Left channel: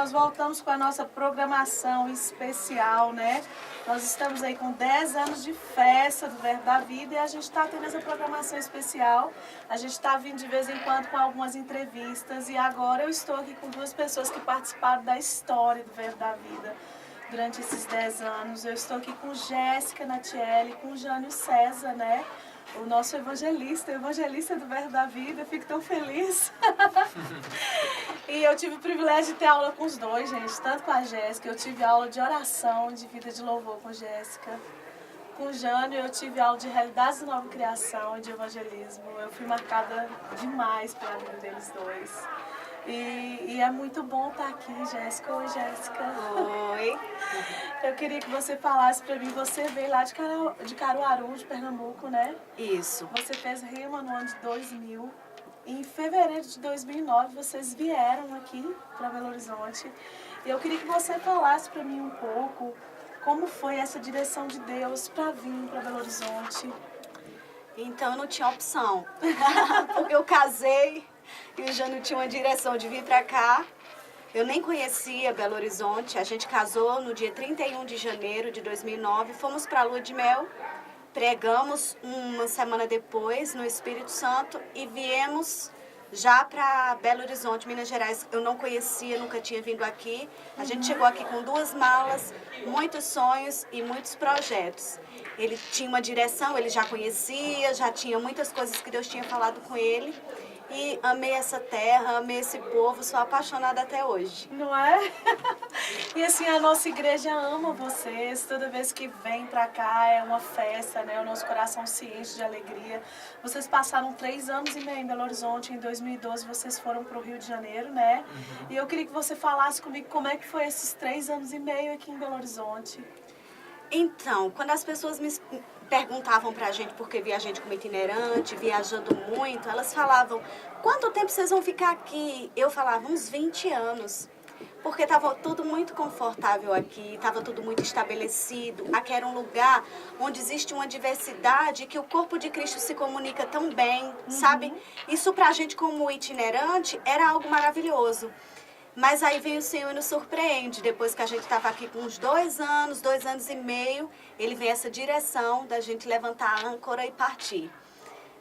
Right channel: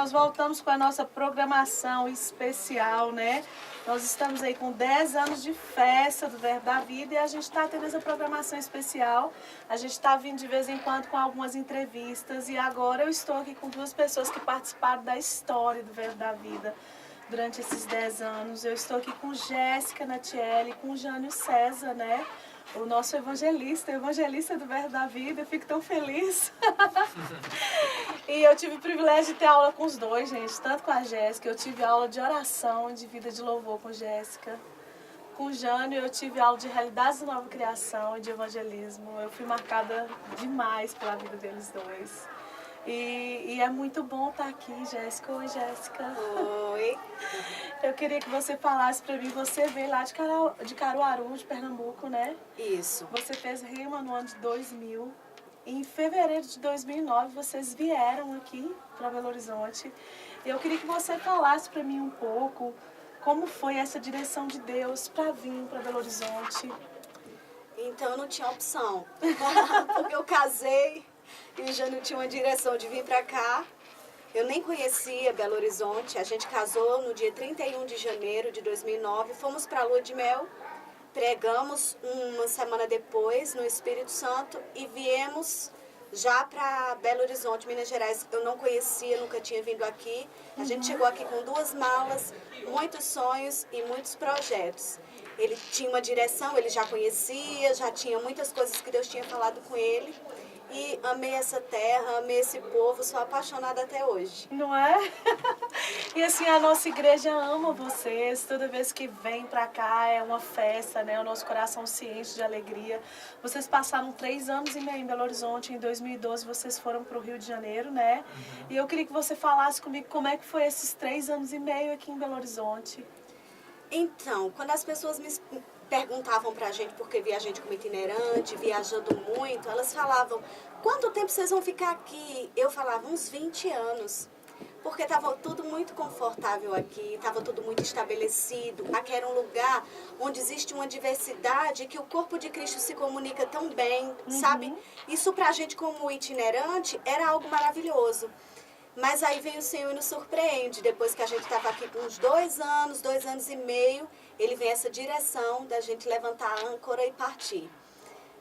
Nós voltamos com a nossa programação especial, né? Nós estamos aí com 10 anos de festa do Verbo da Vida e a gente está tendo essa programação especial. A gente está vindo de vez em quando com algumas entrevistas e agora eu estou aqui com duas pessoas que participaram da história do Verbo da Vida durante esses 10 anos. Eu estou aqui com Jéssica Natiele e com Jânio César, né? O nosso evangelista do Verbo da Vida. Eu fico tão feliz. E eu tive o privilégio de ter aula com os dois, gente, tanto com a Jéssica. Eu tive aula de oração, de vida de louvor com Jéssica. Com o Jânio, eu tive aula de realidades da nova criação e de evangelismo. Eu fui marcada demais pela vida deles dois. E é muito bom estar aqui, Jéssica. Oi, Jéssica. Oi. Eu queria que você falasse para mim, você veio lá de Caruaru, de Pernambuco, né? Isso. Você fez rima no ano de 2000. Em fevereiro de 2009, vocês vieram aqui para Belo Horizonte. Eu queria que você falasse para mim um pouco como foi essa direção de Deus para vir para Belo Horizonte. Então, eu não tinha opção, porque eu casei e o Jânio tinha uma direção de vir para cá. Eu nem conhecia Belo Horizonte. A gente casou no dia 31 de janeiro de 2009, fomos para a Lua de Mel. Pregamos uma semana depois no Espírito Santo e viemos já para Belo Horizonte, Minas Gerais. Eu não conhecia, nunca tinha vindo aqui. A gente chegou aqui com 2 malas, muitos sonhos e muitos projetos. Ele tinha uma direção, ele já conhecia, já tinha muitas coisas que Deus tinha falado com ele. E amei essa terra, amei esse povo, sou apaixonada até hoje. Não é? E assim, a nossa igreja ama vocês. Toda vez que vem pra cá é uma festa, né? O nosso coração se enche de alegria. Vocês passaram 3 anos e meio em Belo Horizonte. Em 2012 vocês foram pro Rio de Janeiro, né? E eu queria que você falasse comigo como é que foi esses 3 anos e meio aqui em Belo Horizonte. Então, quando as pessoas me perguntavam pra gente, porque via a gente como itinerante, viajando muito, elas falavam, quanto tempo vocês vão ficar aqui? Eu falava, uns 20 anos. Porque estava tudo muito confortável aqui, estava tudo muito estabelecido. Aqui era um lugar onde existe uma diversidade que o corpo de Cristo se comunica tão bem, sabe? Isso pra gente como itinerante era algo maravilhoso. Mas aí vem o Senhor e nos surpreende. Depois que a gente estava aqui com uns 2 anos, 2 anos e meio, Ele vem essa direção da gente levantar a âncora e partir.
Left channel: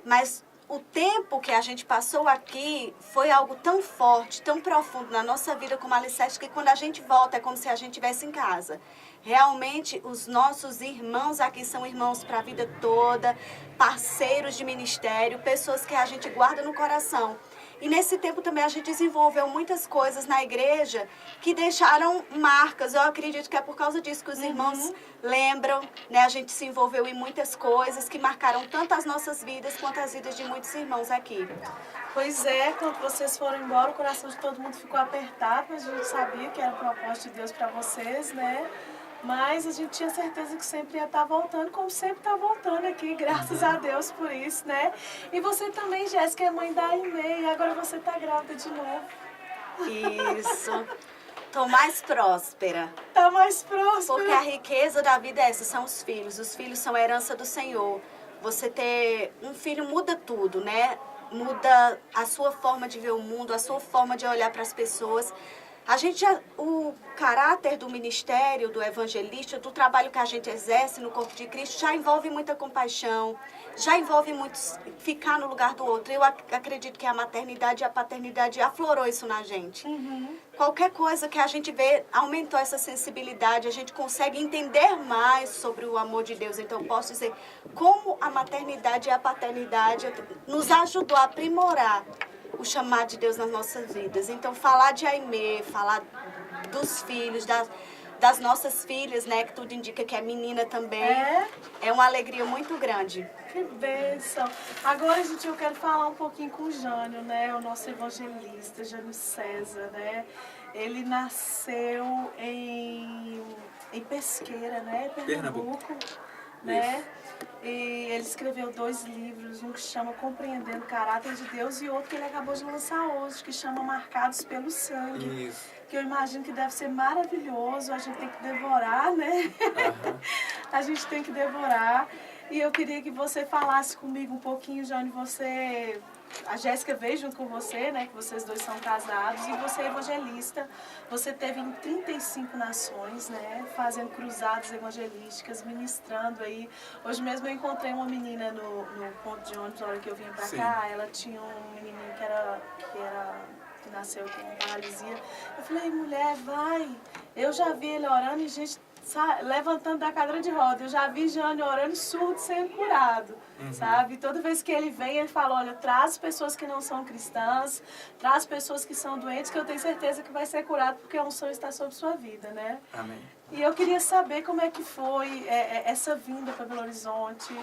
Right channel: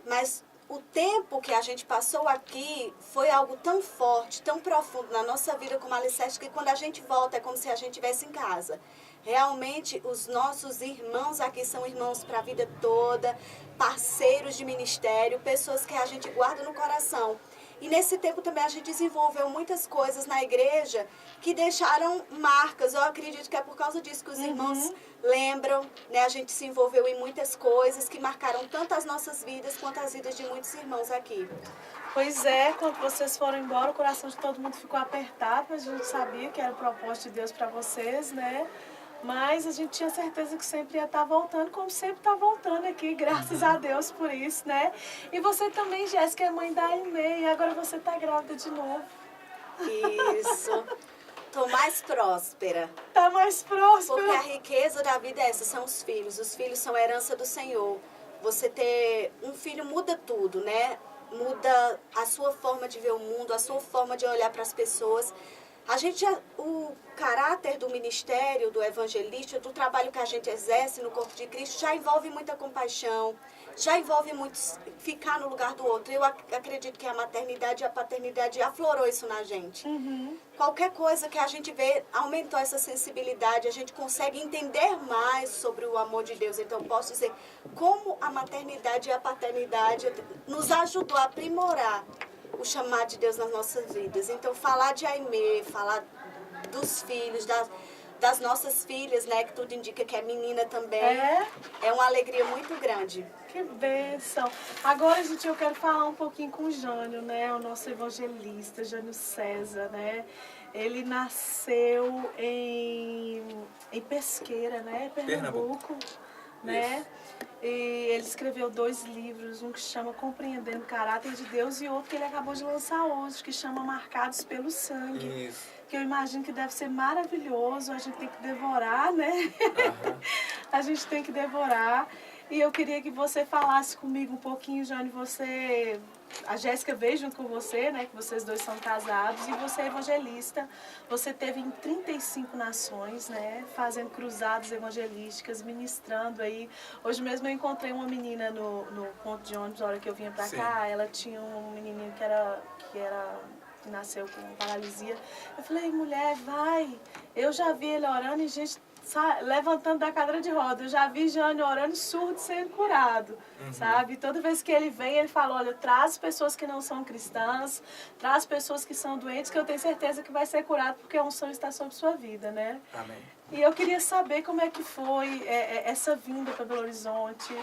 Mas o tempo que a gente passou aqui foi algo tão forte, tão profundo na nossa vida como alicerce, que quando a gente volta é como se a gente estivesse em casa. Realmente, os nossos irmãos aqui são irmãos para a vida toda, parceiros de ministério, pessoas que a gente guarda no coração. E nesse tempo também a gente desenvolveu muitas coisas na igreja que deixaram marcas. Eu acredito que é por causa disso que os irmãos lembram, né? A gente se envolveu em muitas coisas que marcaram tanto as nossas vidas quanto as vidas de muitos irmãos aqui. Pois é, quando vocês foram embora, o coração de todo mundo ficou apertado, mas a gente sabia que era o propósito de Deus para vocês, né? Mas a gente tinha certeza que sempre ia estar voltando, como sempre está voltando aqui, graças a Deus por isso, né? E você também, Jéssica, é mãe da Aimee, e agora você está grávida de novo. Isso. Tô mais próspera. Tá mais próspera. Porque a riqueza da vida é essa, são os filhos. Os filhos são a herança do Senhor. Você ter um filho muda tudo, né? Muda a sua forma de ver o mundo, a sua forma de olhar para as pessoas. A gente o caráter do ministério, do evangelista, do trabalho que a gente exerce no corpo de Cristo já envolve muita compaixão, já envolve muito ficar no lugar do outro. Eu acredito que a maternidade e a paternidade aflorou isso na gente. Qualquer coisa que a gente vê aumentou essa sensibilidade, a gente consegue entender mais sobre o amor de Deus. Então, eu posso dizer como a maternidade e a paternidade nos ajudou a aprimorar o chamado de Deus nas nossas vidas. Então, falar de Aimee, falar dos filhos, das nossas filhas, né, que tudo indica que é menina também, é uma alegria muito grande. Que bênção. Agora, gente, eu quero falar um pouquinho com o Jânio, né, o nosso evangelista, Jânio César, né. Ele nasceu em Pesqueira, né, Pernambuco, né. Isso. E ele escreveu 2 livros, um que chama Compreendendo o Caráter de Deus e outro que ele acabou de lançar hoje, que chama Marcados pelo Sangue. Isso. Que eu imagino que deve ser maravilhoso, a gente tem que devorar, né? A gente tem que devorar. E eu queria que você falasse comigo um pouquinho, Jânio, você a Jéssica veio junto com você, né, que vocês dois são casados, e você é evangelista. Você teve em 35 nações, né, fazendo cruzadas evangelísticas, ministrando aí. Hoje mesmo eu encontrei uma menina no ponto de ônibus, na hora que eu vinha pra cá, ela tinha um menininho que nasceu com paralisia. Eu falei, mulher, vai. Eu já vi ele orando e gente levantando da cadeira de roda. Eu já vi Jânio orando, surdo sendo curado, sabe? Toda vez que ele vem, ele fala, olha, traz pessoas que não são cristãs, traz pessoas que são doentes, que eu tenho certeza que vai ser curado, porque a unção está sobre sua vida, né? Amém. E eu queria saber como é que foi essa vinda para Belo Horizonte,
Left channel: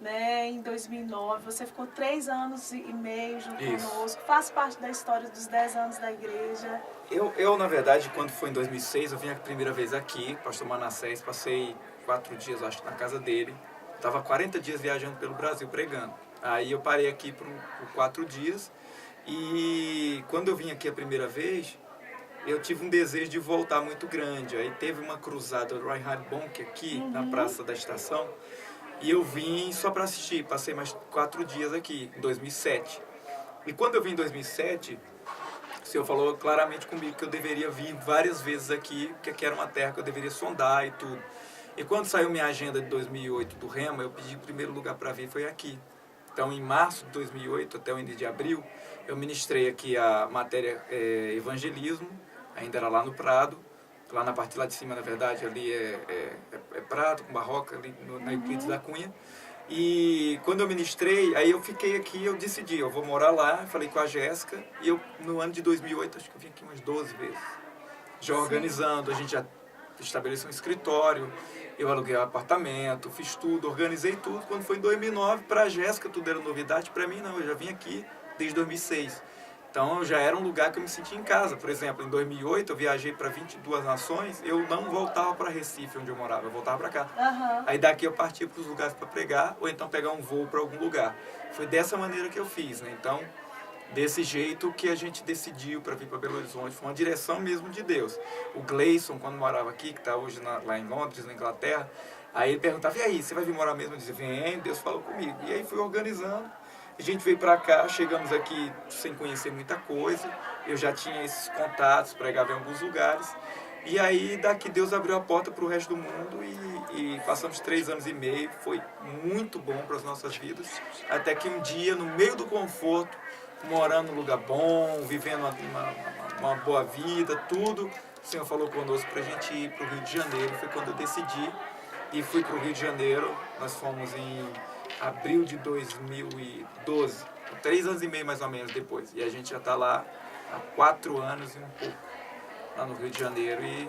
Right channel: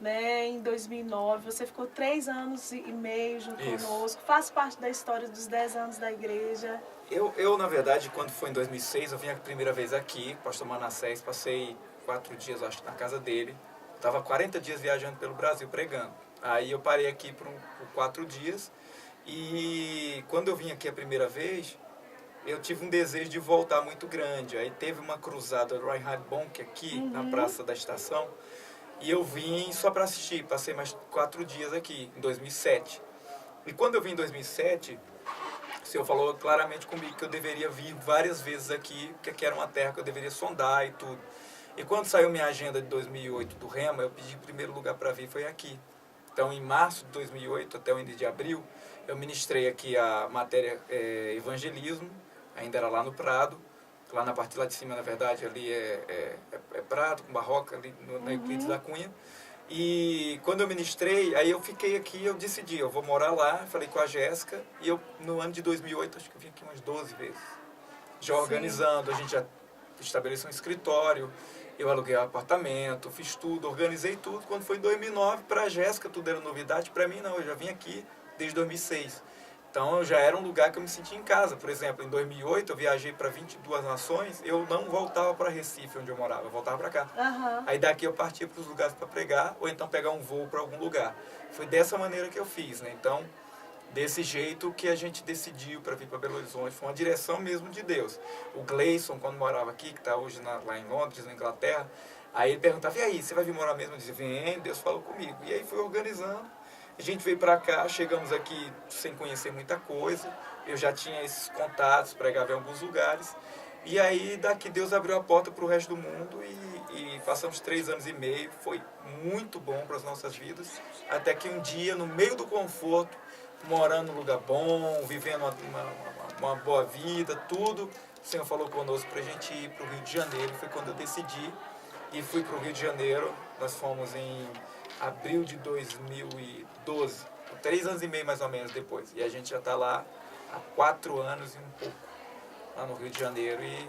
né, em 2009. Você ficou 3 anos e meio junto conosco, faz parte da história dos 10 anos da igreja. Eu, na verdade, quando foi em 2006, eu vim a primeira vez aqui, pastor Manassés, passei 4 dias, acho que na casa dele. Estava 40 dias viajando pelo Brasil, pregando. Aí eu parei aqui por 4 dias e quando eu vim aqui a primeira vez, eu tive um desejo de voltar muito grande. Aí teve uma cruzada do Reinhard Bonk aqui, na Praça da Estação, e eu vim só para assistir. Passei mais 4 dias aqui, em 2007. E quando eu vim em 2007... o Senhor falou claramente comigo que eu deveria vir várias vezes aqui, porque aqui era uma terra que eu deveria sondar e tudo. E quando saiu minha agenda de 2008 do Rema, eu pedi o primeiro lugar para vir, foi aqui. Então, em março de 2008 até o início de abril, eu ministrei aqui a matéria evangelismo, ainda era lá no Prado, lá na parte lá de cima, na verdade, ali é Prado, com Barroca, ali na Euclides da Cunha. E quando eu ministrei, aí eu fiquei aqui, eu decidi, eu vou morar lá, falei com a Jéssica, e eu, no ano de 2008, acho que eu vim aqui umas 12 vezes. Já organizando, a gente já estabeleceu um escritório, eu aluguei um apartamento, fiz tudo, organizei tudo. Quando foi em 2009, para a Jéssica tudo era novidade, para mim não, eu já vim aqui desde 2006. Então já era um lugar que eu me sentia em casa. Por exemplo, em 2008 eu viajei para 22 nações, eu não voltava para Recife, onde eu morava, eu voltava para cá. Aí daqui eu partia para os lugares para pregar, ou então pegar um voo para algum lugar. Foi dessa maneira que eu fiz, né? Então, desse jeito que a gente decidiu para vir para Belo Horizonte, foi uma direção mesmo de Deus. O Gleison, quando morava aqui, que está hoje lá em Londres, na Inglaterra, aí ele perguntava, e aí, você vai vir morar mesmo? Eu dizia, vem, Deus falou comigo. E aí fui organizando. A gente veio para cá, chegamos aqui sem conhecer muita coisa. Eu já tinha esses contatos, pregava em alguns lugares. E aí daqui Deus abriu a porta para o resto do mundo e passamos 3 anos e meio. Foi muito bom para as nossas vidas. Até que um dia, no meio do conforto, morando num lugar bom, vivendo uma boa vida, tudo, o Senhor falou conosco para a gente ir para o Rio de Janeiro. Foi quando eu decidi e fui para o Rio de Janeiro. Nós fomos em abril de 2012, 3 anos e meio mais ou menos depois. E a gente já está lá há 4 anos e um pouco, lá no Rio de Janeiro. E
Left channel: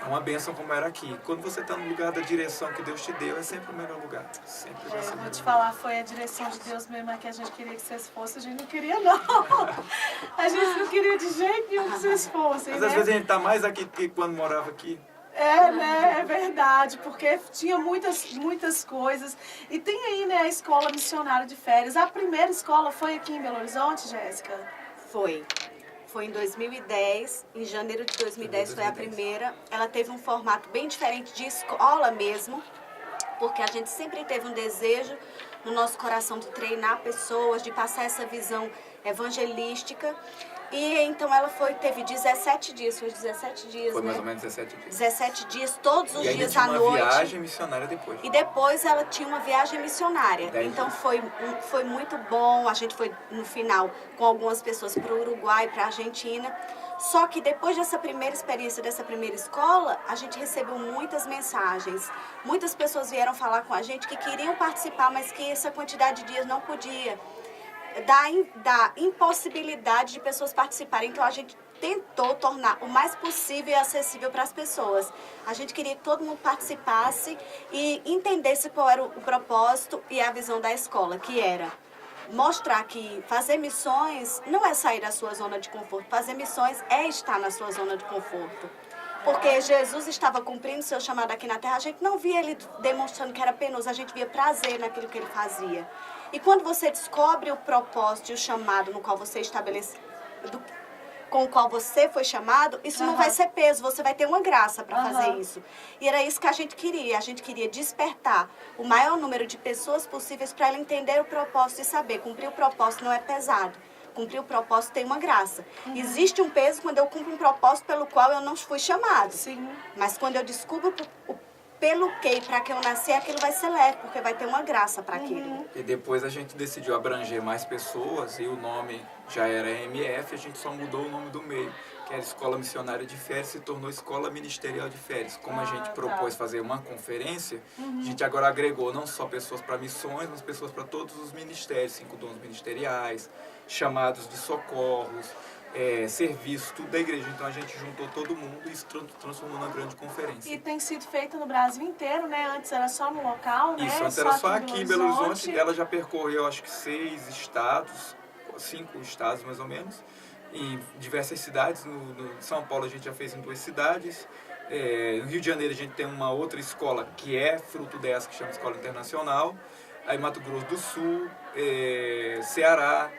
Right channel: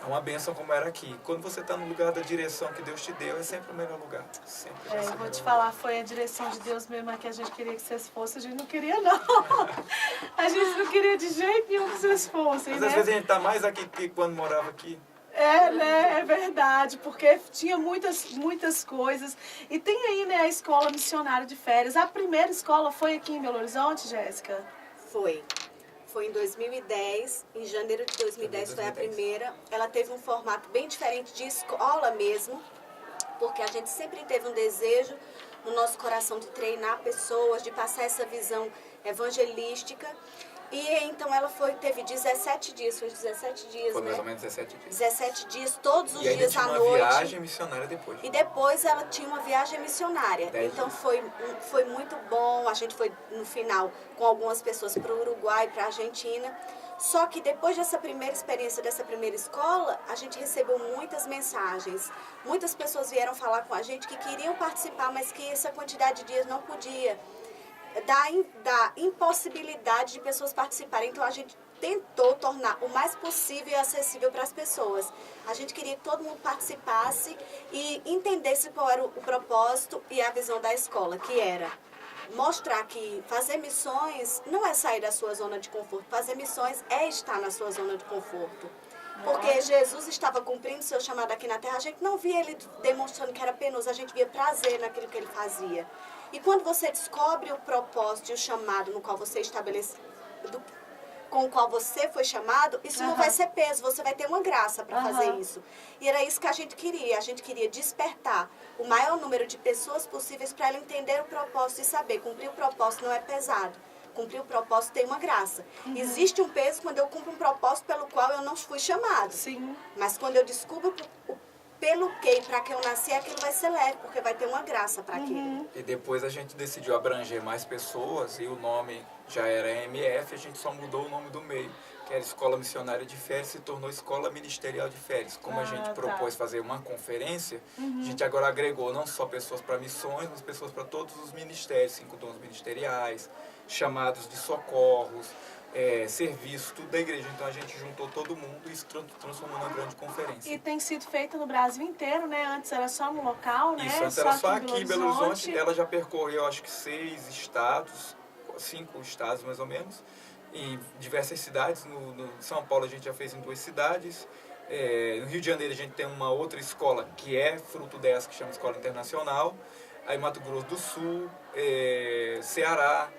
é uma bênção como era aqui. Quando você está no lugar da direção que Deus te deu, é sempre o melhor lugar. Sempre vai ser Vou te melhor. falar, foi a direção de Deus mesmo que a gente queria que vocês fossem. A gente não queria, não. A gente não queria de jeito nenhum que vocês fossem, Mas né? às vezes a gente está mais aqui do que quando morava aqui. Né? É verdade, porque tinha muitas coisas. E tem aí, né, a escola missionária de férias. A primeira escola foi aqui em Belo Horizonte, Jéssica? Foi em 2010, em janeiro de 2010 foi a primeira. Ela teve um formato bem diferente de escola mesmo, porque a gente sempre teve um desejo no nosso coração de treinar pessoas, de passar essa visão evangelística. E então ela teve 17 dias, foi 17 dias, Foi né? mais ou menos 17 dias. 17 dias, todos os E ainda dias tinha à uma noite. viagem missionária depois. E depois ela tinha uma viagem missionária. 10 Então dias. foi muito bom. A gente foi no final com algumas pessoas para o Uruguai, para a Argentina. Só que depois dessa primeira experiência, dessa primeira escola, a gente recebeu muitas mensagens. Muitas pessoas vieram falar com a gente que queriam participar, mas que essa quantidade de dias não podia. Da impossibilidade de pessoas participarem. Então a gente tentou tornar o mais possível e acessível para as pessoas. A gente queria que todo mundo participasse e entendesse qual era o propósito e a visão da escola, que era mostrar que fazer missões não é sair da sua zona de conforto. Fazer missões é estar na sua zona de conforto. Porque Jesus estava cumprindo seu chamado aqui na Terra, a gente não via ele demonstrando que era penoso, a gente via prazer naquilo que ele fazia. E quando você descobre o propósito e o chamado no qual você estabeleceu, com o qual você foi chamado, isso não vai ser peso, você vai ter uma graça para fazer isso. E era isso que a gente queria despertar o maior número de pessoas possíveis para ela entender o propósito e saber, cumprir o propósito não é pesado. Cumprir o propósito tem uma graça. Existe um peso quando eu cumpro um propósito pelo qual eu não fui chamado. Sim. Mas quando eu descubro pelo que e para que eu nasci, aquilo vai ser leve, porque vai ter uma graça para aquilo. E depois a gente decidiu abranger mais pessoas e o nome já era MF, a gente só mudou o nome do meio, que era Escola Missionária de Férias, se tornou Escola Ministerial de Férias. Como a gente propôs fazer uma conferência, a gente agora agregou não só pessoas para missões, mas pessoas para todos os ministérios, 5 dons ministeriais, chamados de socorros, serviço, tudo da igreja. Então a gente juntou todo mundo e se transformou numa grande conferência. E tem sido feita no Brasil inteiro, né? Antes era só no local, né? Isso, antes era só aqui em Belo Horizonte. Ela já percorreu, acho que 6 estados, 5 estados mais ou menos, em diversas cidades. No São Paulo a gente já fez em 2 cidades. No Rio de Janeiro a gente tem uma outra escola que é fruto dessa, que chama Escola Internacional. Aí Mato Grosso do Sul, Ceará,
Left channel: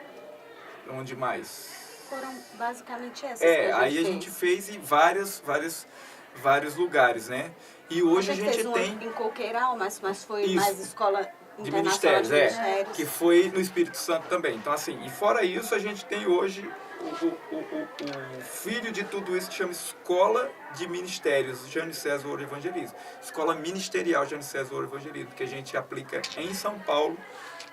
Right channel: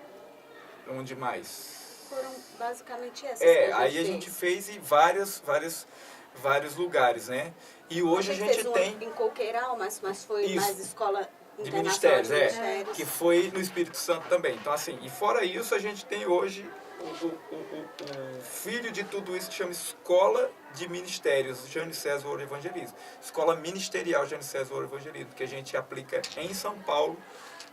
onde mais? Foram basicamente essas que a gente aí a gente fez em vários lugares, né? E hoje a gente fez tem... em Coqueiral, mas foi Isso, mais escola de internacional ministérios, que foi no Espírito Santo também. Então, assim, e fora isso, a gente tem hoje o filho de tudo isso que chama Escola de Ministérios, Jânio César Ouro Evangelismo. Escola Ministerial Jânio César Ouro Evangelismo, que a gente aplica em São Paulo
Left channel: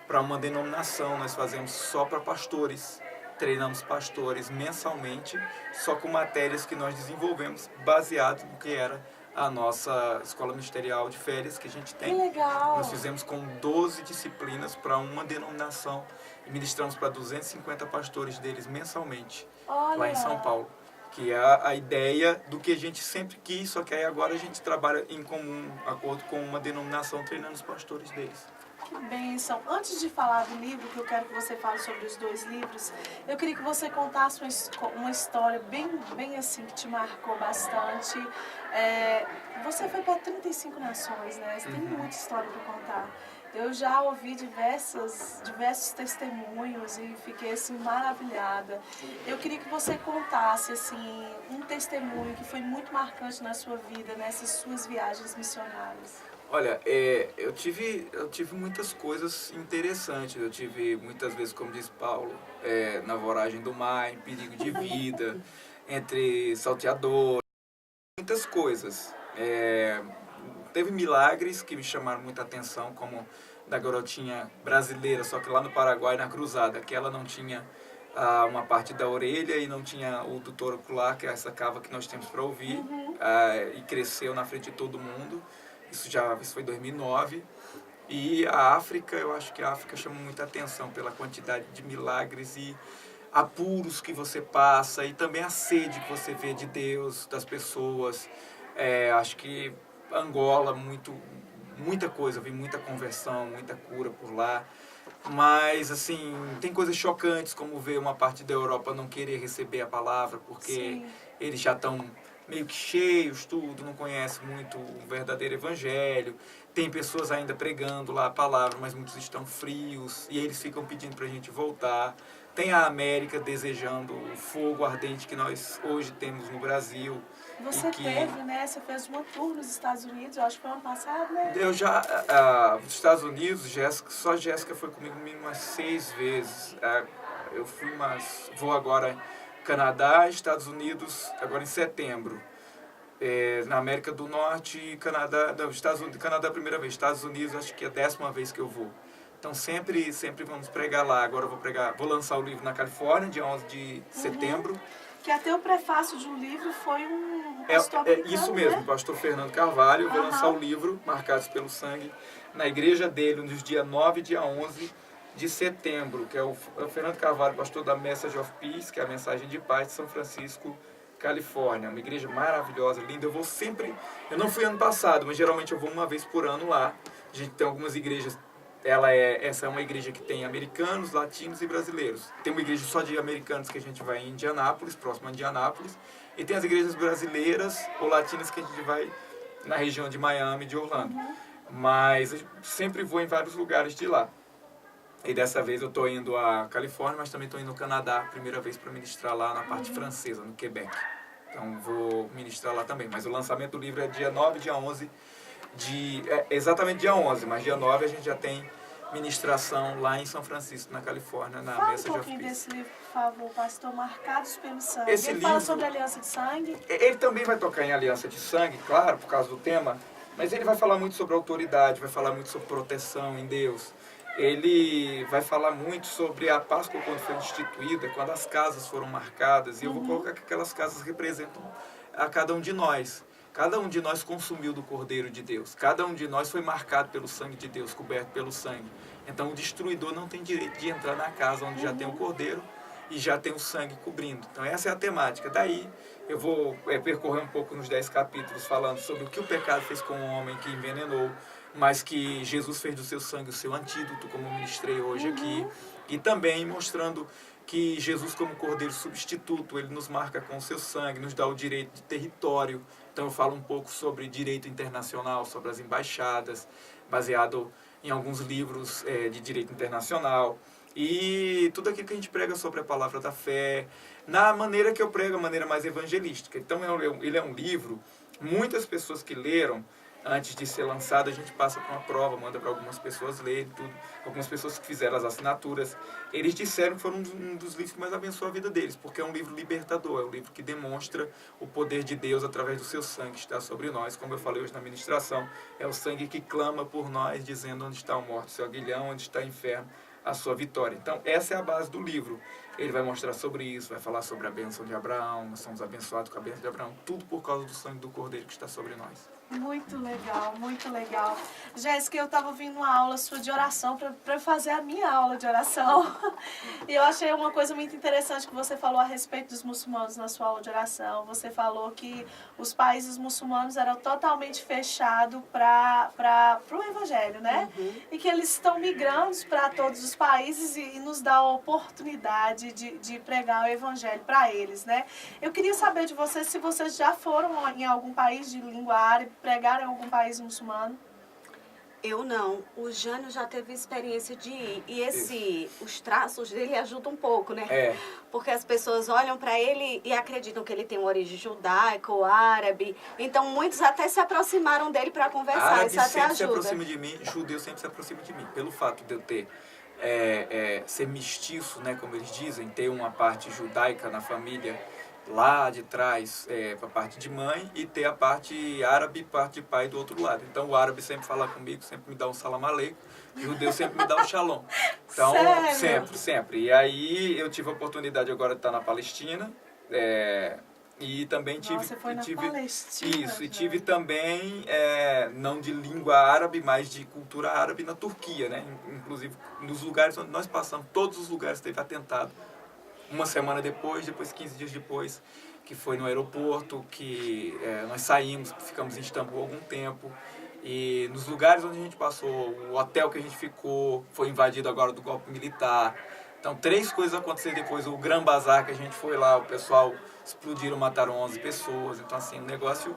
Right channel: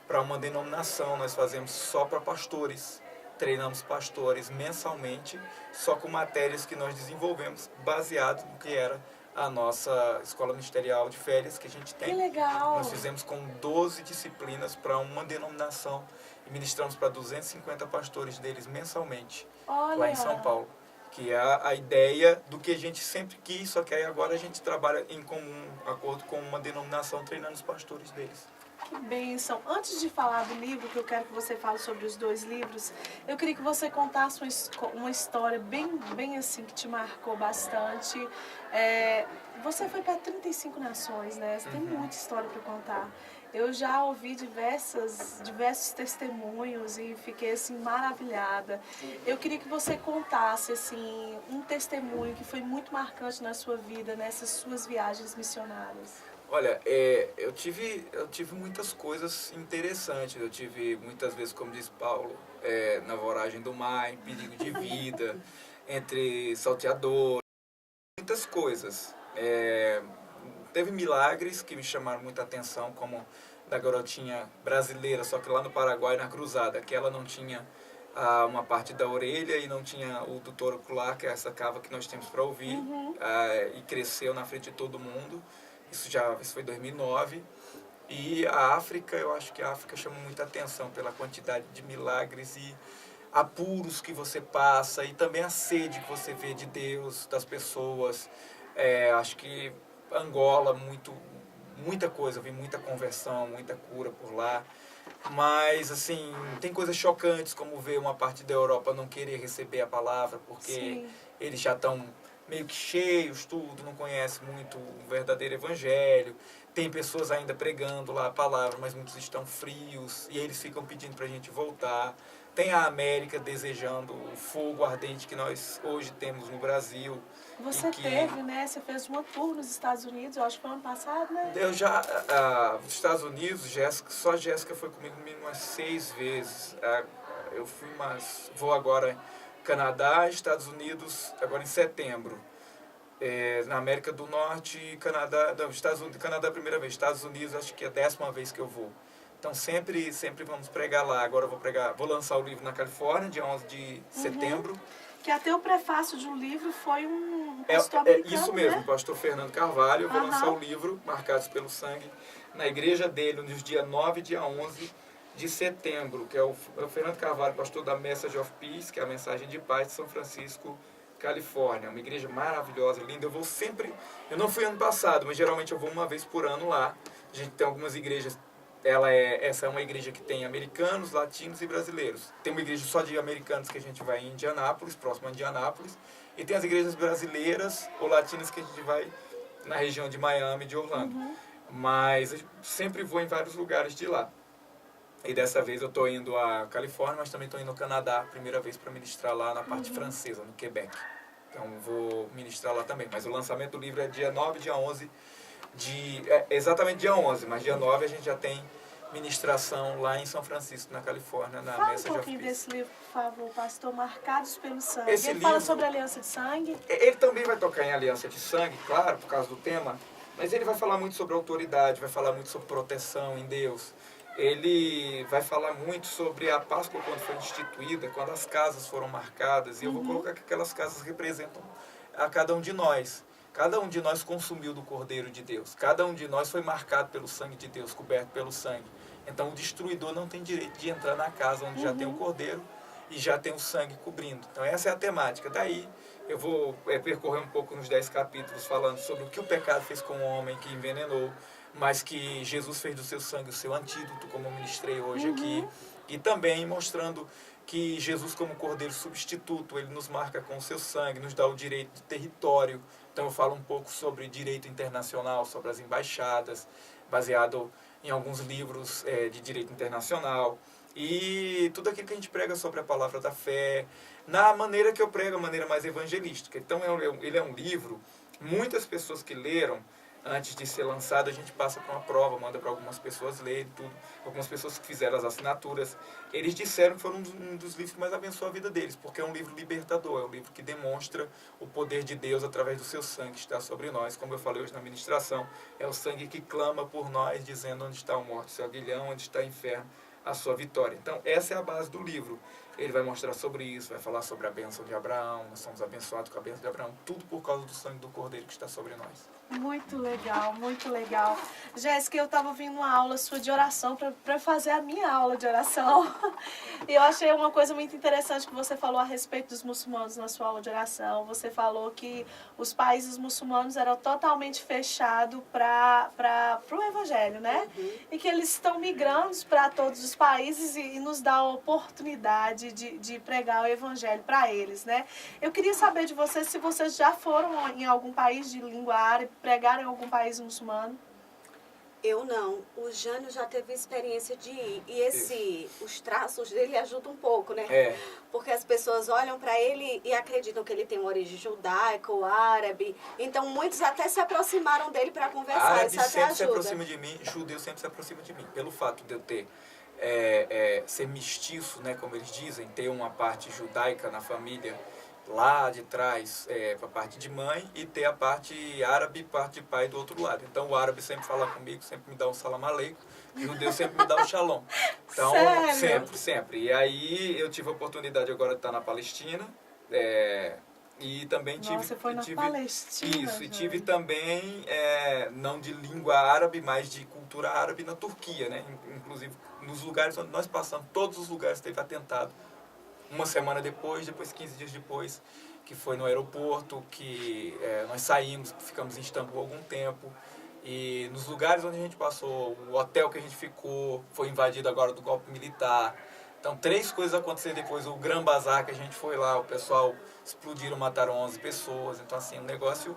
para uma denominação. Nós fazemos só para pastores. Treinamos pastores mensalmente, só com matérias que nós desenvolvemos baseado no que era a nossa escola ministerial de férias que a gente tem. Que legal! Nós fizemos com 12 disciplinas para uma denominação e ministramos para 250 pastores deles mensalmente, lá em São Paulo. Que é a ideia do que a gente sempre quis, só que aí agora a gente trabalha em comum acordo com uma denominação treinando os pastores deles. Que bênção. Antes de falar do livro, que eu quero que você fale sobre os 2 livros, eu queria que você contasse uma história bem assim, que te marcou bastante. Você foi para 35 nações, né? Você tem muita história para contar. Eu já ouvi diversos testemunhos e fiquei assim maravilhada. Eu queria que você contasse assim um testemunho que foi muito marcante na sua vida, nessas suas viagens missionárias. Olha, eu tive muitas coisas interessantes. Eu tive muitas vezes, como diz Paulo, na voragem do mar, em perigo de vida, entre salteadores, muitas coisas. Teve milagres que me chamaram muita atenção, como da garotinha brasileira, só que lá no Paraguai, na cruzada, que ela não tinha uma parte da orelha e não tinha o dutor ocular, que é essa cava que nós temos para ouvir, e cresceu na frente de todo mundo. Isso foi em 2009. E a África, eu acho que a África chama muita atenção pela quantidade de milagres e apuros que você passa e também a sede que você vê de Deus, das pessoas. Acho que Angola, muita coisa, vi muita conversão, muita cura por lá. Mas, assim, tem coisas chocantes, como ver uma parte da Europa não querer receber a palavra, porque eles já estão meio que cheios, tudo, não conhece muito o verdadeiro evangelho. Tem pessoas ainda pregando lá a palavra, mas muitos estão frios e eles ficam pedindo para a gente voltar. Tem a América desejando o fogo ardente que nós hoje temos no Brasil. Você teve, né? Você fez uma tour nos Estados Unidos, eu acho que foi ano passado, né? Eu já, nos Estados Unidos, só a Jéssica foi comigo umas 6 vezes. Eu fui, mas vou agora Canadá, Estados Unidos, agora em setembro. Na América do Norte, Canadá, não, Estados Unidos, Canadá a primeira vez, Estados Unidos acho que é a 10ª vez que eu vou. Então sempre vamos pregar lá. Agora eu vou lançar o livro na Califórnia, dia 11 de setembro. Que até o prefácio de um livro foi um pastor americano, isso mesmo, né? o pastor Fernando Carvalho. Eu vou lançar o livro, Marcados pelo Sangue, na igreja dele, nos dias 9 e dia 11 de setembro, que é o Fernando Carvalho, pastor da Message of Peace, que é a mensagem de paz de São Francisco, Califórnia. Uma igreja maravilhosa, linda. Eu não fui ano passado, mas geralmente eu vou uma vez por ano lá. A gente tem algumas igrejas. Essa é uma igreja que tem americanos, latinos e brasileiros. Tem uma igreja só de americanos que a gente vai em Indianápolis, próximo a Indianápolis. E tem as igrejas brasileiras ou latinas que a gente vai na região de Miami, de Orlando. Mas eu sempre vou em vários lugares de lá. E dessa vez eu estou indo à Califórnia, mas também estou indo ao Canadá, primeira vez para ministrar lá na parte francesa, no Quebec. Então vou ministrar lá também. Mas o lançamento do livro é dia 9, dia 11, exatamente dia 11, mas dia 9 a gente já tem ministração lá em São Francisco, na Califórnia, na Fala Message um of pouquinho Peace. desse livro, por favor, Pastor, Marcados pelo Sangue. Esse Ele fala livro- sobre a aliança de sangue. Ele também vai tocar em aliança de sangue, claro, por causa do tema, mas ele vai falar muito sobre autoridade, vai falar muito sobre proteção em Deus. Ele vai falar muito sobre a Páscoa quando foi instituída, quando as casas foram marcadas, e eu vou colocar que aquelas casas representam a cada um de nós. Cada um de nós consumiu do Cordeiro de Deus. Cada um de nós foi marcado pelo sangue de Deus, coberto pelo sangue. Então o destruidor não tem direito de entrar na casa onde já tem o Cordeiro e já tem o sangue cobrindo. Então essa é a temática. Daí eu vou percorrer um pouco nos 10 capítulos falando sobre o que o pecado fez com o homem que envenenou, mas que Jesus fez do seu sangue o seu antídoto, como eu ministrei hoje aqui. E também mostrando que Jesus, como Cordeiro substituto, ele nos marca com o seu sangue, nos dá o direito de território. Então eu falo um pouco sobre direito internacional, sobre as embaixadas, baseado em alguns livros de direito internacional. E tudo aquilo que a gente prega sobre a palavra da fé, na maneira que eu prego, a maneira mais evangelística. Então ele é um livro, muitas pessoas que leram, antes de ser lançado, a gente passa por uma prova, manda para algumas pessoas lerem, tudo. Algumas pessoas que fizeram as assinaturas, eles disseram que foi um dos livros que mais abençoou a vida deles, porque é um livro libertador, é um livro que demonstra o poder de Deus através do seu sangue que está sobre nós. Como eu falei hoje na ministração, é o sangue que clama por nós, dizendo onde está a morte, seu aguilhão, onde está o inferno, a sua vitória. Então, essa é a base do livro. Ele vai mostrar sobre isso, vai falar sobre a bênção de Abraão, nós somos abençoados com a bênção de Abraão, tudo por causa do sangue do Cordeiro que está sobre nós. Muito legal, muito legal. Jéssica, eu estava ouvindo uma aula sua de oração para fazer a minha aula de oração. E eu achei uma coisa muito interessante que você falou a respeito dos muçulmanos na sua aula de oração. Você falou que os países muçulmanos eram totalmente fechados para o evangelho, né? E que eles estão migrando para todos os países e nos dá a oportunidade de pregar o evangelho para eles, né? Eu queria saber de vocês se vocês já foram em algum país de língua árabe, pregaram em algum país muçulmano. Eu não. O Jânio já teve experiência de ir. E os traços dele ajudam um pouco, né? Porque as pessoas olham para ele e acreditam que ele tem uma origem judaica ou árabe. Então, muitos até se aproximaram dele para conversar. Árabe Isso até sempre se ajuda. aproxima de mim, judeu sempre se aproxima de mim. Pelo fato de eu ter ser mestiço, né, como eles dizem, ter uma parte judaica na família lá de trás, a parte de mãe, e ter a parte árabe, parte de pai do outro lado. Então o árabe sempre fala comigo, sempre me dá um salam aleikum, e o judeu sempre me dá um shalom. Então, Sério? sempre. E aí eu tive a oportunidade agora de estar na Palestina, e também tive... Você foi na Palestina? Isso, e tive também, não de língua árabe, mas de cultura árabe na Turquia, né? Inclusive, nos lugares onde nós passamos, todos os lugares teve atentado. Uma semana depois 15 dias depois, que foi no aeroporto, que nós saímos, ficamos em Istambul algum tempo. E nos lugares onde a gente passou, o hotel que a gente ficou, foi invadido agora do golpe militar. Então, 3 coisas aconteceram depois. O Gran Bazar, que a gente foi lá, o pessoal explodiram, mataram 11 pessoas. Então, assim, um negócio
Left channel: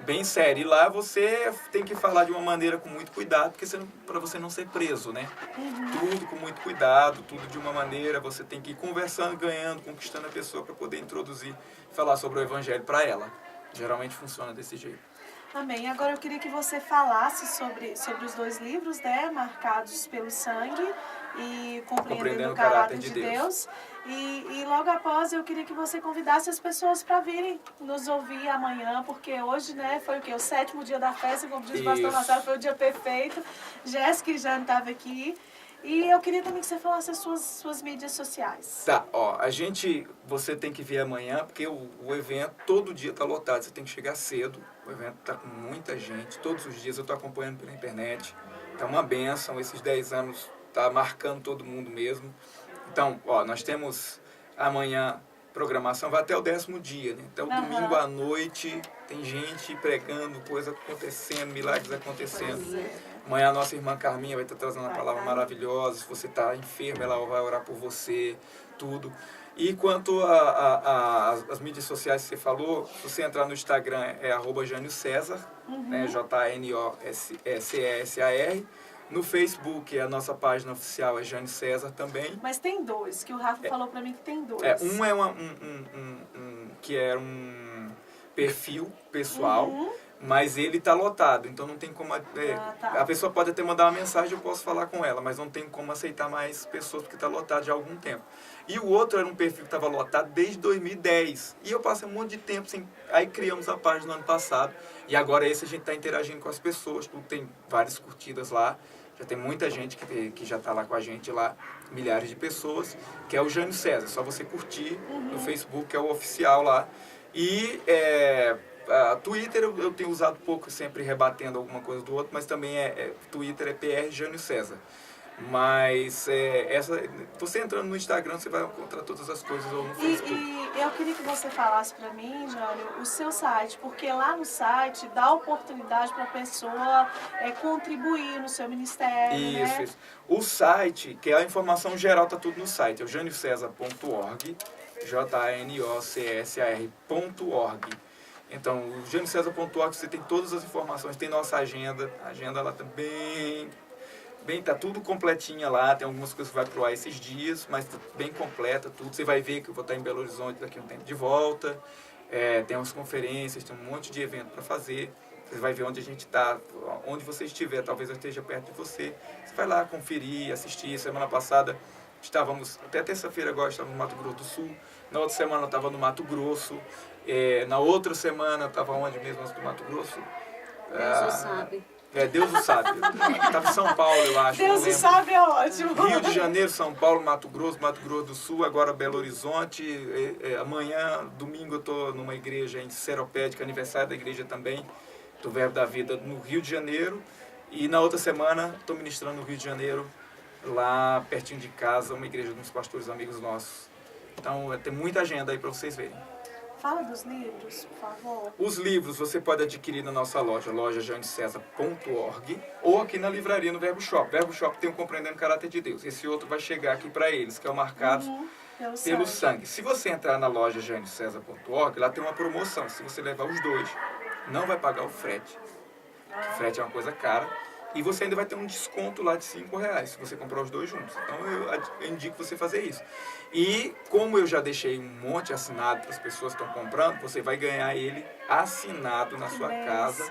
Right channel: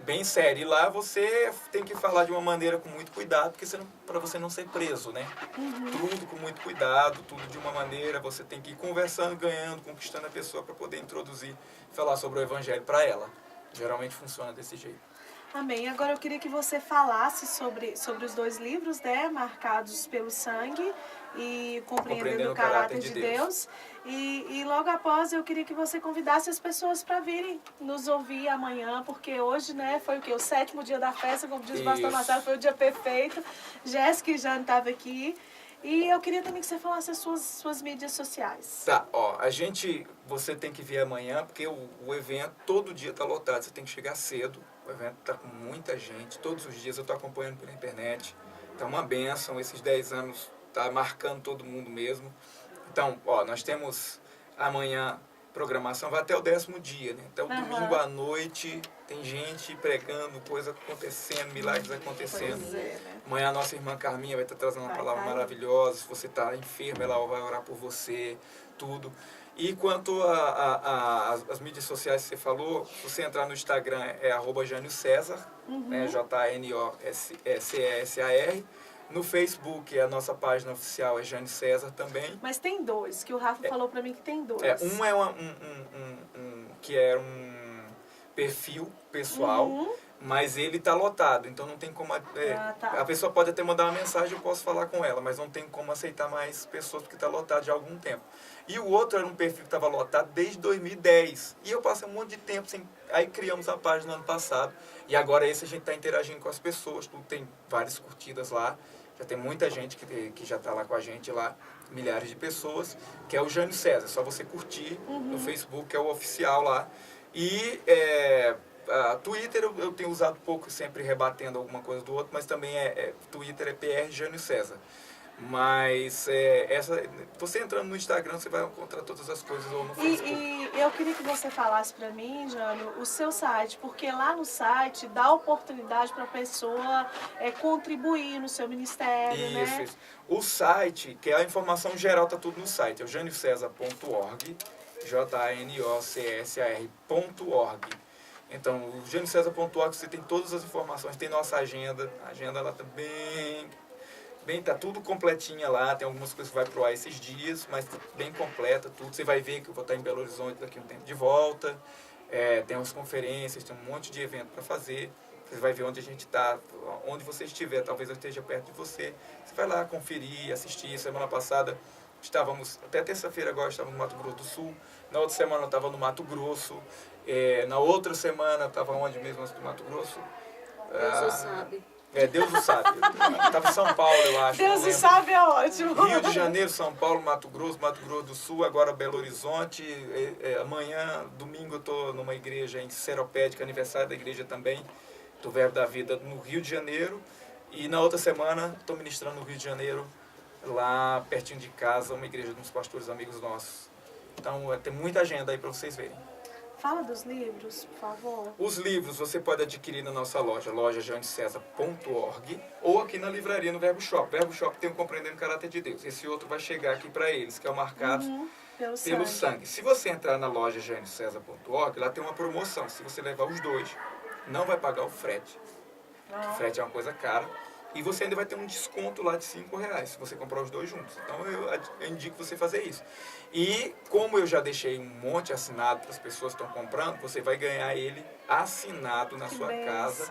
bem sério. E lá você tem que falar de uma maneira com muito cuidado, porque para você não ser preso, né? Tudo com muito cuidado, tudo de uma maneira. Você tem que ir conversando, ganhando, conquistando a pessoa para poder introduzir e falar sobre o evangelho para ela. Geralmente funciona desse jeito. Amém. Agora eu queria que você falasse sobre os 2 livros, né? Marcados pelo Sangue e Compreendendo o Caráter de Deus. E logo após eu queria que você convidasse as pessoas para virem nos ouvir amanhã, porque hoje, né, foi o quê? O 7º dia da festa, como diz o pastor Marcelo, foi o dia perfeito. Jéssica e Jane estavam aqui. E eu queria também que você falasse as suas mídias sociais. Tá, você tem que vir amanhã, porque o evento todo dia está lotado, você tem que chegar cedo. O evento está com muita gente, todos os dias eu estou acompanhando pela internet. Tá uma bênção, esses 10 anos tá marcando todo mundo mesmo. Então, nós temos amanhã programação, vai até o 10º dia, né? Então, domingo à noite, tem gente pregando, coisa acontecendo, milagres acontecendo. Amanhã a nossa irmã Carminha vai estar trazendo uma palavra maravilhosa. Se você está enfermo, ela vai orar por você, tudo. E quanto às mídias sociais que você falou, se você entrar no Instagram é @JânioCésar, né, JANIOCESAR. No Facebook, a nossa página oficial é Jane César também. Mas tem dois, que o Rafa falou pra mim que tem dois. Um é que é um perfil pessoal, mas ele tá lotado, então não tem como... tá. A pessoa pode até mandar uma mensagem, eu posso falar com ela, mas não tem como aceitar mais pessoas porque tá lotado já há algum tempo. E o outro era um perfil que estava lotado desde 2010. E eu passei um monte de tempo sem... Aí criamos a página no ano passado. E agora esse a gente está interagindo com as pessoas. Tudo tem várias curtidas lá. Já tem muita gente que já está lá com a gente lá. Milhares de pessoas. Que é o Jânio César. É só você curtir no Facebook, que é o oficial lá. E Twitter eu tenho usado pouco, sempre rebatendo alguma coisa do outro. Mas também Twitter é PR Jânio César. Mas você entrando no Instagram, você vai encontrar todas as coisas ou no Facebook. E eu queria que você falasse para mim, Jânio, o seu site, porque lá no site dá oportunidade para a pessoa contribuir no seu ministério, Isso, né? isso. O site, que é a informação geral, tá tudo no site, é o janiocesar.org, janocsar.org. Então, o janiocesar.org você tem todas as informações, tem nossa agenda, a agenda lá tá tá tudo completinha lá, tem algumas coisas que vai pro ar esses dias, mas bem completa, tudo. Você vai ver que eu vou estar em Belo Horizonte daqui a um tempo de volta, tem umas conferências, tem um monte de evento para fazer. Você vai ver onde a gente está, onde você estiver, talvez eu esteja perto de você. Você vai lá conferir, assistir. Semana passada estávamos, até terça-feira agora, estávamos no Mato Grosso do Sul. Na outra semana eu estava no Mato Grosso. Na outra semana eu estava onde mesmo antes do Mato Grosso? Deus o sabe. Deus o sabe. Estava em São Paulo, eu acho. Deus o sabe é ótimo. Rio de Janeiro, São Paulo, Mato Grosso do Sul, agora Belo Horizonte. Amanhã, domingo, eu estou numa igreja em Seropédica, aniversário da igreja também, do Verbo da Vida, no Rio de Janeiro. E na outra semana, estou ministrando no Rio de Janeiro, lá pertinho de casa, uma igreja de uns pastores amigos nossos. Então, tem muita agenda aí para vocês verem. Fala dos livros, por favor. Os livros você pode adquirir na nossa loja janiocesar.org, ou aqui na livraria no Verbo Shop. Verbo Shop tem o Compreendendo o Caráter de Deus. Esse outro vai chegar aqui para eles, que é o Marcados pelo sangue. Se você entrar na loja janiocesar.org, lá tem uma promoção. Se você levar os dois, não vai pagar o frete. O frete é uma coisa cara. E você ainda vai ter um desconto lá de R$5 se você comprar os dois juntos. Então eu indico você fazer isso. E como eu já deixei um monte assinado para as pessoas que estão comprando, você vai ganhar ele assinado na sua casa.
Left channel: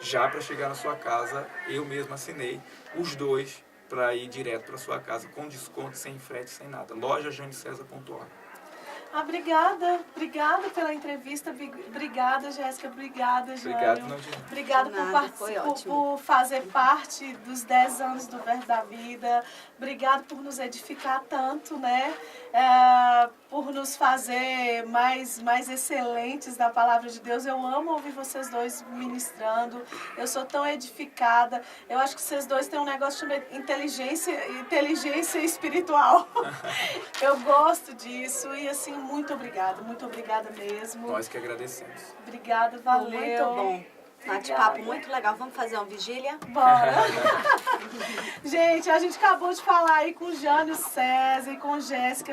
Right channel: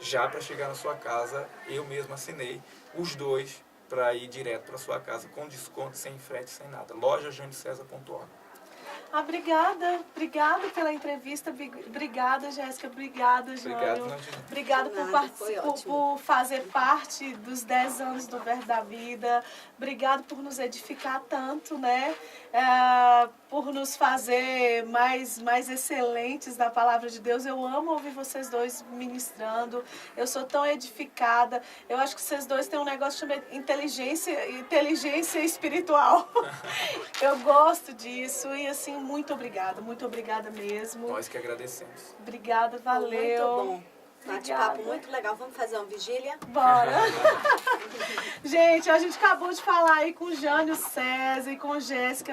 Já para chegar na sua casa, eu mesmo assinei os dois para ir direto para sua casa com desconto, sem frete, sem nada. Loja janiocesar.org. Obrigada pela entrevista, obrigada, Jéssica, obrigada, Jânio. Obrigada por fazer parte dos 10 anos do Verbo da Vida, obrigado por nos edificar tanto, né? Por nos fazer mais excelentes da Palavra de Deus. Eu amo ouvir vocês dois ministrando, eu sou tão edificada, eu acho que vocês dois têm um negócio chamado inteligência espiritual. Eu gosto disso e assim, muito obrigada mesmo. Nós que agradecemos. Obrigada, valeu. Muito bom. Bate-papo muito legal. Vamos fazer uma vigília? Bora. Gente, a gente acabou de falar aí com o Jânio César e com Jéssica.